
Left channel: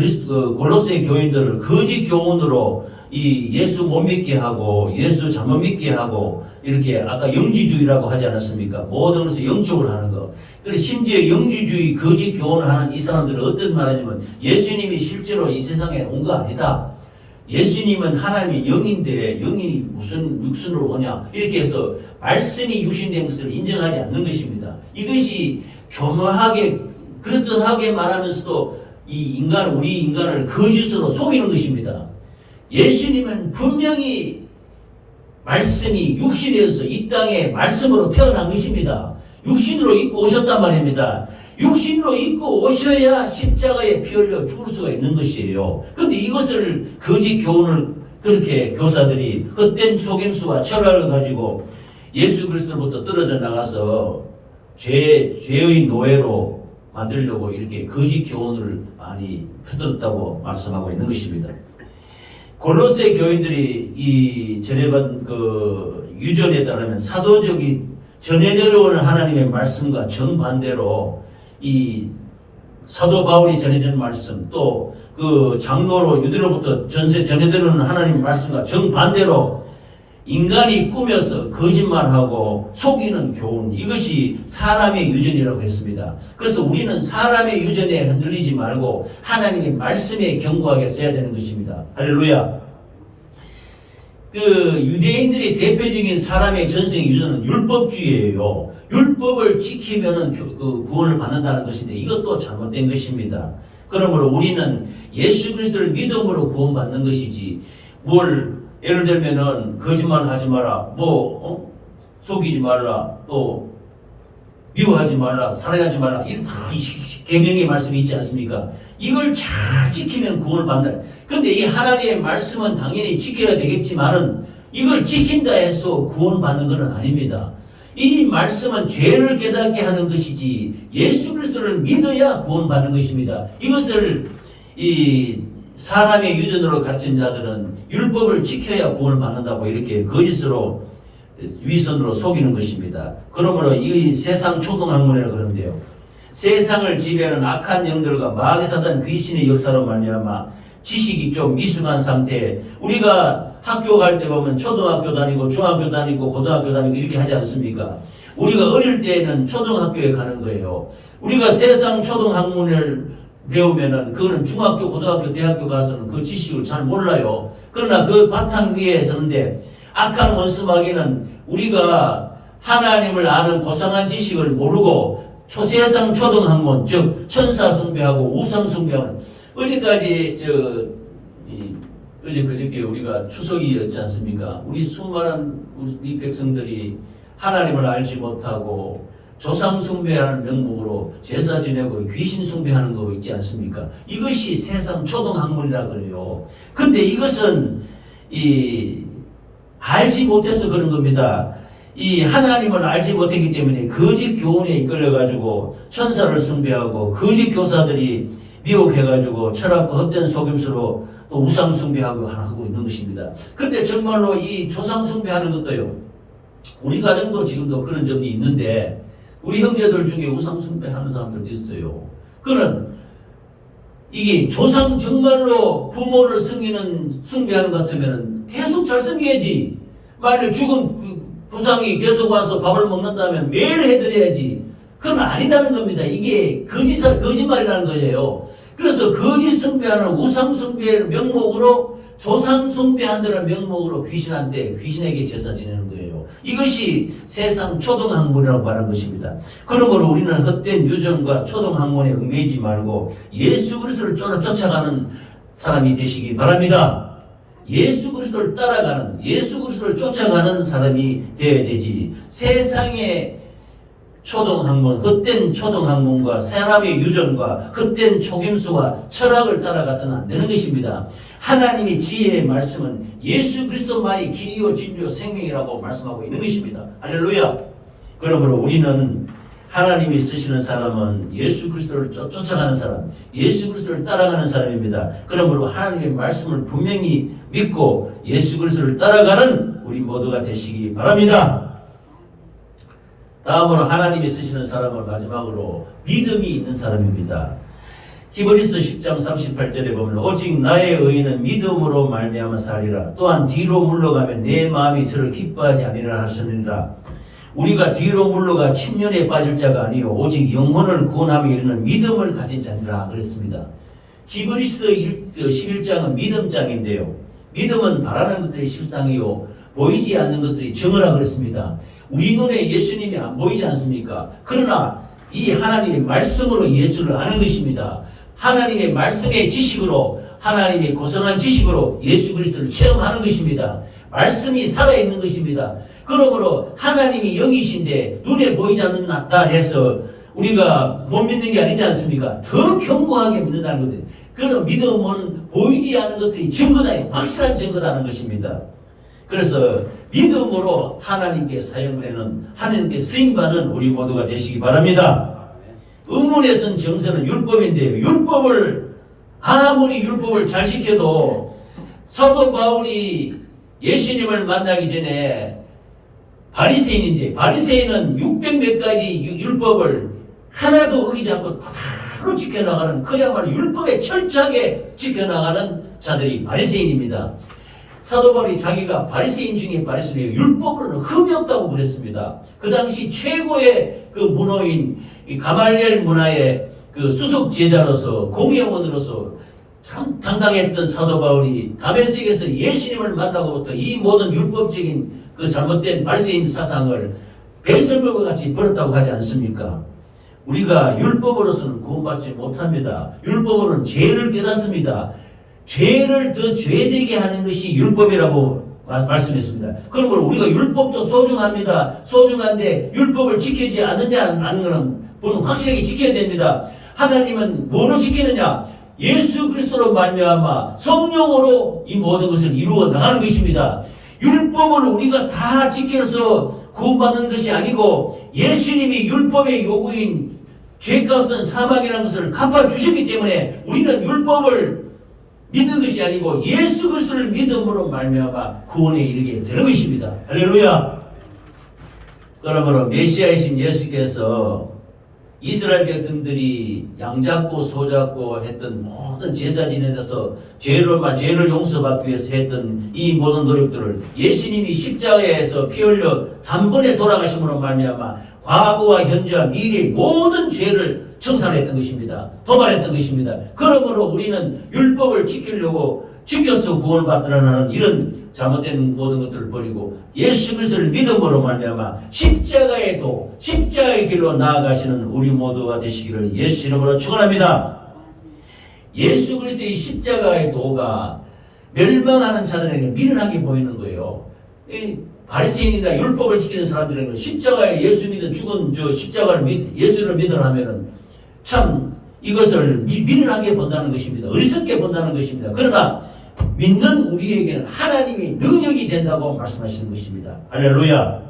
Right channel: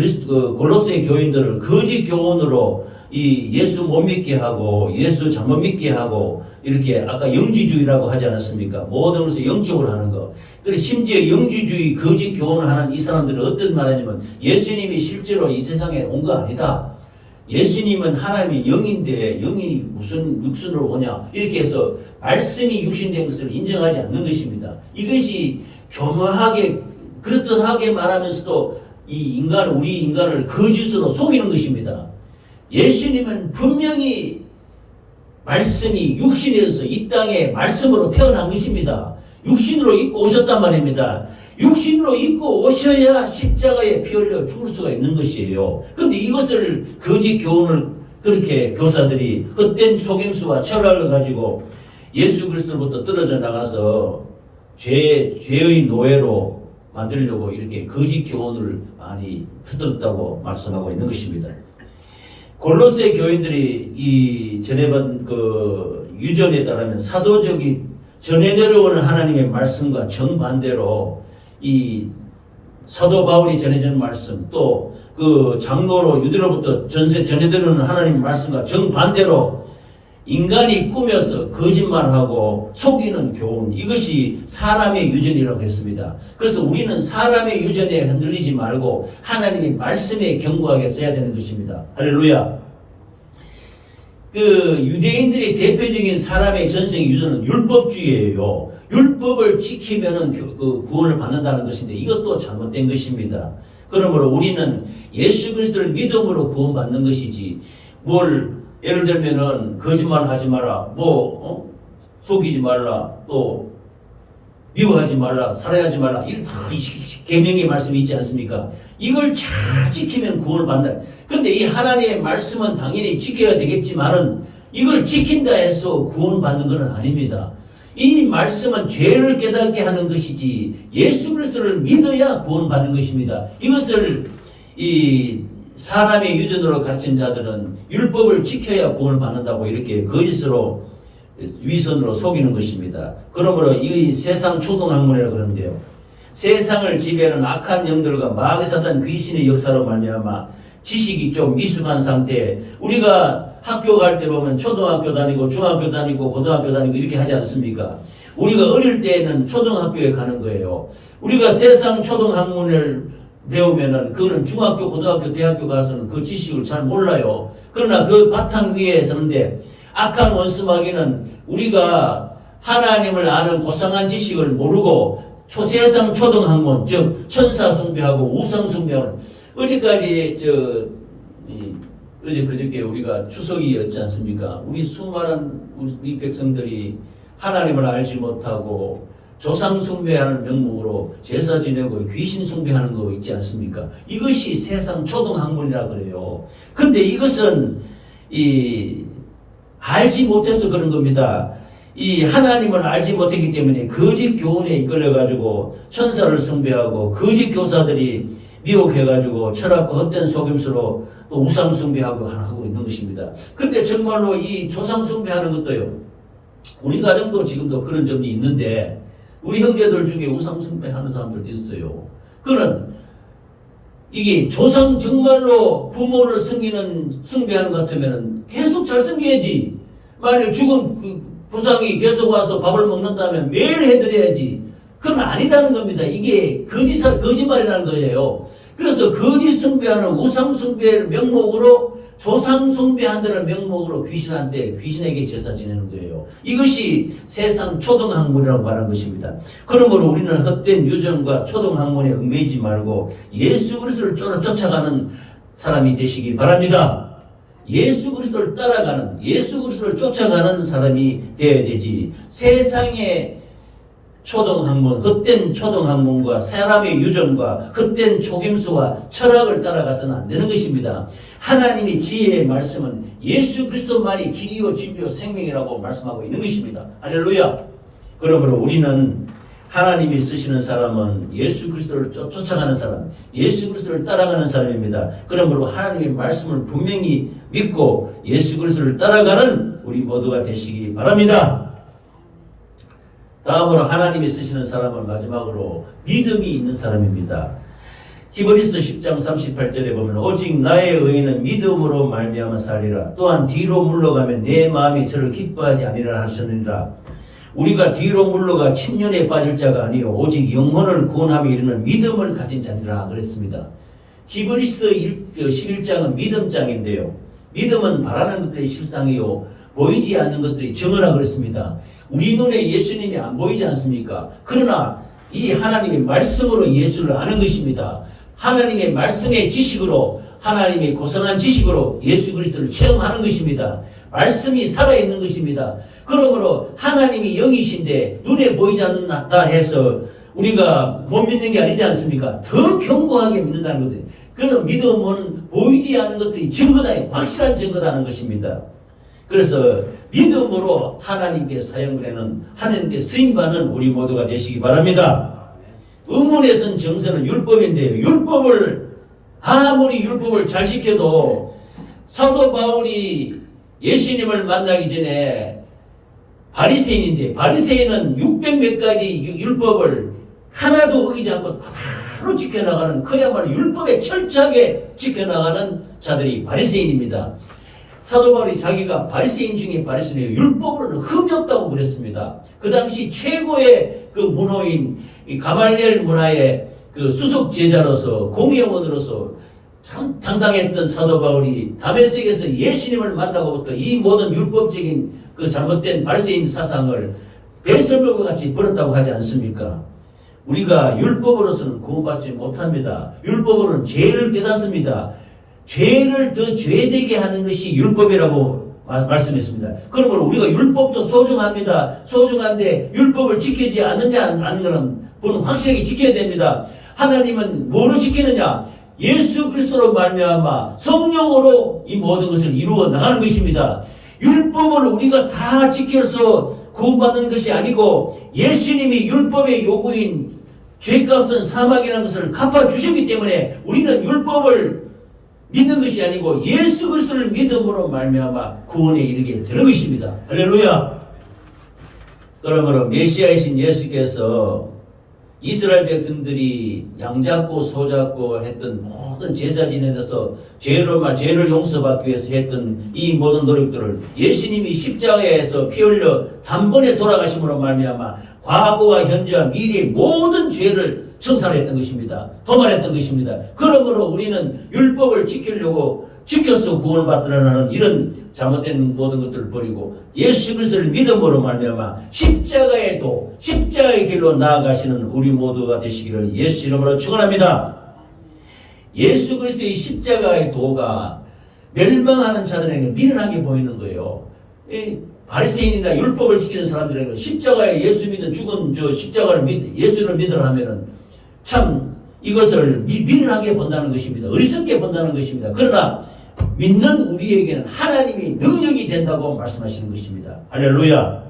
골로새 교인들을 거짓 교훈으로 이 예수 못 믿게 하고 예수 잘못 믿게 하고 이렇게 아까 영지주의라고 하지 않았습니까? 모든 것을 영적으로 하는 거. 그래서 심지어 영지주의 거짓 교훈을 하는 이 사람들은 어떤 말하냐면 예수님이 실제로 이 세상에 온 거 아니다. 예수님은 하나님이 영인데 영이 무슨 육신으로 오냐 이렇게 해서 말씀이 육신된 것을 인정하지 않는 것입니다. 이것이 교묘하게 그렇듯하게 말하면서도 우리 인간을 거짓으로 속이는 것입니다. 예수님은 분명히 말씀이 육신에서 이 땅에 말씀으로 태어난 것입니다. 육신으로 입고 오셨단 말입니다. 육신으로 입고 오셔야 십자가에 피 흘려 죽을 수가 있는 것이에요. 그런데 이것을 거짓 교훈을 그렇게 교사들이 헛된 속임수와 철학을 가지고 예수 그리스도로부터 떨어져 나가서 죄의 노예로 만들려고 이렇게 거짓 교훈을 많이 퍼뜨렸다고 말씀하고 있는 것입니다. 골로새 교인들이 이 전해받은 그 유전에 따르면 사도적이 전해 내려오는 하나님의 말씀과 정반대로 이 사도 바울이 전해준 말씀 또 그 장로로 유대로부터 전해 내려오는 하나님의 말씀과 정반대로 인간이 꾸며서 거짓말하고 속이는 교훈 이것이 사람의 유전이라고 했습니다. 그래서 우리는 사람의 유전에 흔들리지 말고 하나님의 말씀에 견고하게 써야 되는 것입니다. 할렐루야. 그 유대인들의 대표적인 사람의 전생의 유전은 율법주의예요. 율법을 지키면은 그 구원을 받는다는 것인데 이것도 잘못된 것입니다. 그러므로 우리는 예수 그리스도를 믿음으로 구원받는 것이지 예를 들면은 거짓말 하지 마라, 속이지 말라, 또 미워하지 말라, 살해하지 말라 이런 계명의 말씀이 있지 않습니까? 이걸 잘 지키면 구원을 받는다. 근데 이 하나님의 말씀은 당연히 지켜야 되겠지만은 이걸 지킨다 해서 구원받는 것은 아닙니다. 이 말씀은 죄를 깨닫게 하는 것이지 예수 그리스도를 믿어야 구원받는 것입니다. 이것을 이 사람의 유전으로 가르친 자들은 율법을 지켜야 구원을 받는다고 이렇게 거짓으로 위선으로 속이는 것입니다. 그러므로 이 세상 초등학문이라고 그러는데요. 세상을 지배하는 악한 영들과 마귀 사단 귀신의 역사로 말미암아 지식이 좀 미숙한 상태에 우리가 학교 갈 때 보면 초등학교 다니고 중학교 다니고 고등학교 다니고 이렇게 하지 않습니까? 우리가 어릴 때는 초등학교에 가는 거예요. 우리가 세상 초등학문을 배우면은 그거는 중학교, 고등학교, 대학교 가서는 그 지식을 잘 몰라요. 그러나 그 바탕 위에 서는데 악한 원수 마귀는 우리가 하나님을 아는 고상한 지식을 모르고 세상 초등학문, 즉 천사 숭배하고 우상 숭배하는 어제까지 그저께 우리가 추석이었지 않습니까? 우리 수많은 우리 백성들이 하나님을 알지 못하고 조상 숭배하는 명목으로 제사 지내고 귀신 숭배하는 거 있지 않습니까? 이것이 세상 초등학문이라 그래요. 근데 이것은 알지 못해서 그런 겁니다. 이 하나님을 알지 못했기 때문에 거짓 교훈에 이끌려가지고 천사를 숭배하고 거짓 교사들이 미혹해가지고 철학과 헛된 속임수로 또 우상 숭배하고 있는 것입니다. 근데 정말로 이 조상 숭배하는 것도요. 우리 가정도 지금도 그런 점이 있는데 우리 형제들 중에 우상 숭배하는 사람들도 있어요. 그는 이게 조상 정말로 부모를 숭배하는 것 같으면 계속 잘 섬겨야지. 만약 죽은 부상이 계속 와서 밥을 먹는다면 매일 해드려야지. 그건 아니다는 겁니다. 이게 거짓말이라는 거예요. 그래서 거짓 숭배하는 우상 숭배의 명목으로 조상 숭배한다는 명목으로 귀신에게 제사 지내는 거예요. 이것이 세상 초등학문이라고 말하는 것입니다. 그러므로 우리는 헛된 유전과 초등학문에 얽매이지 말고 예수 그리스도를 쫓아가는 사람이 되시기 바랍니다. 예수 그리스도를 따라가는, 예수 그리스도를 쫓아가는 사람이 되어야 되지. 세상의 초등학문, 헛된 초등학문과 사람의 유전과 헛된 속임수와 철학을 따라가서는 안 되는 것입니다. 하나님의 지혜의 말씀은 예수 그리스도만이 길이요 진리요 생명이라고 말씀하고 있는 것입니다. 할렐루야. 그러므로 우리는 하나님이 쓰시는 사람은 예수 그리스도를 쫓아가는 사람, 예수 그리스도를 따라가는 사람입니다. 그러므로 하나님의 말씀을 분명히 믿고 예수 그리스도를 따라가는 우리 모두가 되시기 바랍니다. 다음으로 하나님이 쓰시는 사람은 마지막으로 믿음이 있는 사람입니다. 히브리서 10장 38절에 보면 오직 나의 의인은 믿음으로 말미암아 살리라. 또한 뒤로 물러가면 내 마음이 저를 기뻐하지 아니라 하셨느니라. 우리가 뒤로 물러가 침륜에 빠질 자가 아니요 오직 영혼을 구원함에 이르는 믿음을 가진 자니라 그랬습니다. 히브리서 11장은 믿음장인데요. 믿음은 바라는 것들이 실상이요 보이지 않는 것들이 정어라 그랬습니다. 우리 눈에 예수님이 안 보이지 않습니까? 그러나 이 하나님의 말씀으로 예수를 아는 것입니다. 하나님의 말씀의 지식으로, 하나님이 고성한 지식으로 예수 그리스도를 체험하는 것입니다. 말씀이 살아있는 것입니다. 그러므로 하나님이 영이신데 눈에 보이지 않는다 해서 우리가 못 믿는 게 아니지 않습니까? 더 견고하게 믿는다는 거예요. 그런 믿음은 보이지 않는 것들이 증거다, 확실한 증거다는 것입니다. 그래서 믿음으로 하나님께 사용되는, 하나님께 쓰임받는 우리 모두가 되시기 바랍니다. 의문에 선 정서는 율법인데요. 아무리 율법을 잘 지켜도 사도 바울이 예수님을 만나기 전에 바리새인인데 바리새인은 600몇 가지 율법을 하나도 어기지 않고 바로 지켜나가는, 그야말로 율법에 철저하게 지켜나가는 자들이 바리새인입니다. 사도 바울이 자기가 바리새인 중에 바리새인이에요. 율법으로는 흠이 없다고 그랬습니다. 그 당시 최고의 그 문호인 가말리엘 문화의 그 수석 제자로서 공회원으로서 참 당당했던 사도 바울이 다메섹에서 예수님을 만나고부터 이 모든 율법적인 그 잘못된 바리새인 사상을 배설물과 같이 버렸다고 하지 않습니까? 우리가 율법으로서는 구원받지 못합니다. 율법으로는 죄를 깨닫습니다. 죄를 더 죄되게 하는 것이 율법이라고 말씀했습니다. 그러므로 우리가 율법도 소중합니다. 소중한데 율법을 지키지 않느냐 하는 것은 본은 확실하게 지켜야 됩니다. 하나님은 뭐로 지키느냐? 예수 그리스도로 말미암아 성령으로 이 모든 것을 이루어 나가는 것입니다. 율법을 우리가 다 지켜서 구원받는 것이 아니고 예수님이 율법의 요구인 죄값은 사망이라는 것을 갚아주셨기 때문에 우리는 율법을 믿는 것이 아니고 예수 그리스도를 믿음으로 말미암아 구원에 이르게 되는 것입니다. 할렐루야. 그러므로 메시아이신 예수께서 이스라엘 백성들이 양잡고 소잡고 했던 모든 제사 지내서 죄를 용서받기 위해서 했던 이 모든 노력들을 예수님이 십자가에서 피 흘려 단번에 돌아가심으로 말미암아 과거와 현재와 미래의 모든 죄를 청산했던 것입니다. 도말했던 것입니다. 그러므로 우리는 율법을 지켜서 구원을 받으라는 이런 잘못된 모든 것들을 버리고 예수 그리스도를 믿음으로 말미암아 십자가의 길로 나아가시는 우리 모두가 되시기를 예수 이름으로 축원합니다. 예수 그리스도의 십자가의 도가 멸망하는 자들에게 미련하게 보이는 거예요. 바리새인이나 율법을 지키는 사람들에게는 십자가에 예수 믿는 죽은 예수를 믿으라 하면은 참 이것을 미련하게 본다는 것입니다. 어리석게 본다는 것입니다. 그러나 믿는 우리에게는 하나님이 능력이 된다고 말씀하시는 것입니다. 할렐루야.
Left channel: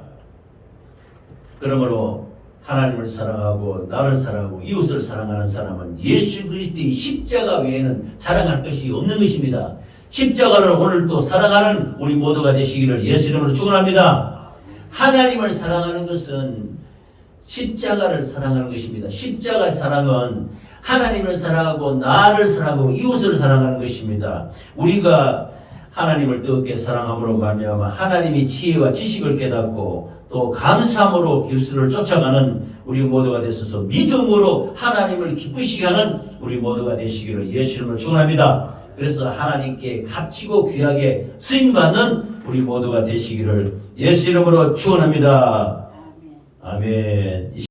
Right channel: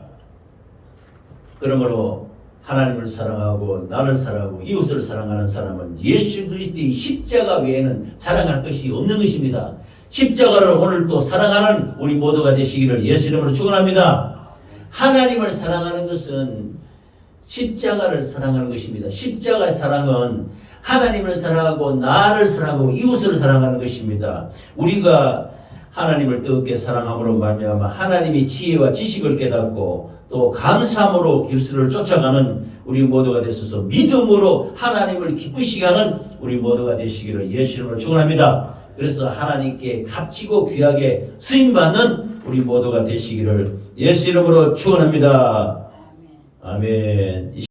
그러므로 하나님을 사랑하고 나를 사랑하고 이웃을 사랑하는 사람은 예수 그리스도의 십자가 외에는 자랑할 것이 없는 것입니다. 십자가를 오늘 또 사랑하는 우리 모두가 되시기를 예수 이름으로 축원합니다. 하나님을 사랑하는 것은 십자가를 사랑하는 것입니다. 십자가의 사랑은 하나님을 사랑하고 나를 사랑하고 이웃을 사랑하는 것입니다. 우리가 하나님을 뜨겁게 사랑함으로 말미암아 하나님의 지혜와 지식을 깨닫고 또 감사함으로 길수를 쫓아가는 우리 모두가 되셔서 믿음으로 하나님을 기쁘시게 하는 우리 모두가 되시기를 예수 이름으로 축원합니다. 그래서 하나님께 값지고 귀하게 쓰임받는 우리 모두가 되시기를 예수 이름으로 축원합니다. 아멘.